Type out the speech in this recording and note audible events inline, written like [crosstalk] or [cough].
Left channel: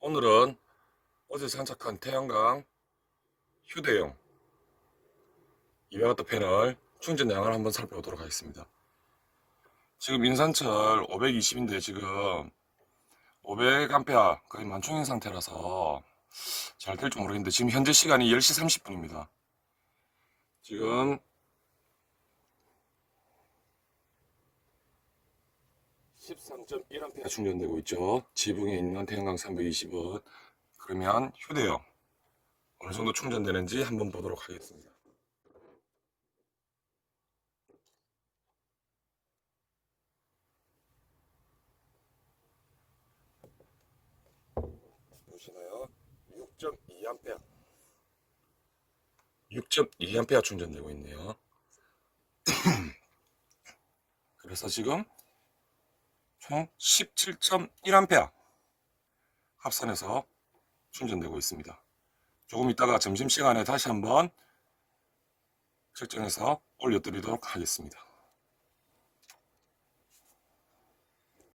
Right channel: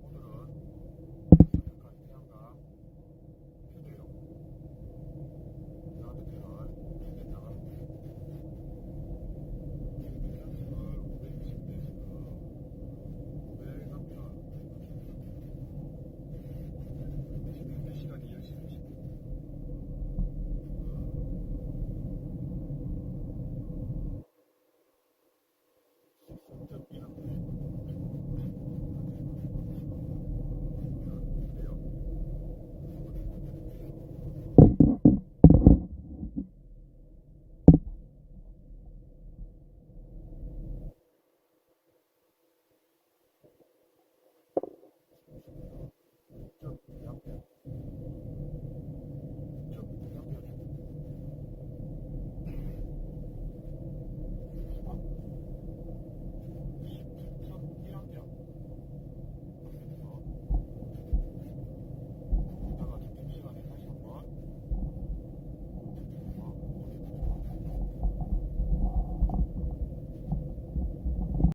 오늘은 어제 장착한 태양광 휴대용 200W 패널 충전 양을 한번 살펴보도록 하겠습니다. 지금 인산철 520인데 지금 500A 거의 만충인 상태라서 잘 될지 모르겠는데 지금 현재 시간이 10시 30분입니다. 지금 13.1A 충전되고 있죠. 지붕에 있는 태양광 320원. 그러면 휴대용 어느 정도 충전되는지 한번 보도록 하겠습니다. 보시나요? 6.2A 6.2A 충전되고 있네요. [coughs] 그래서 지금 총 17.1A 합산해서 충전되고 있습니다. 조금 이따가 점심시간에 다시 한번 측정해서 올려드리도록 하겠습니다.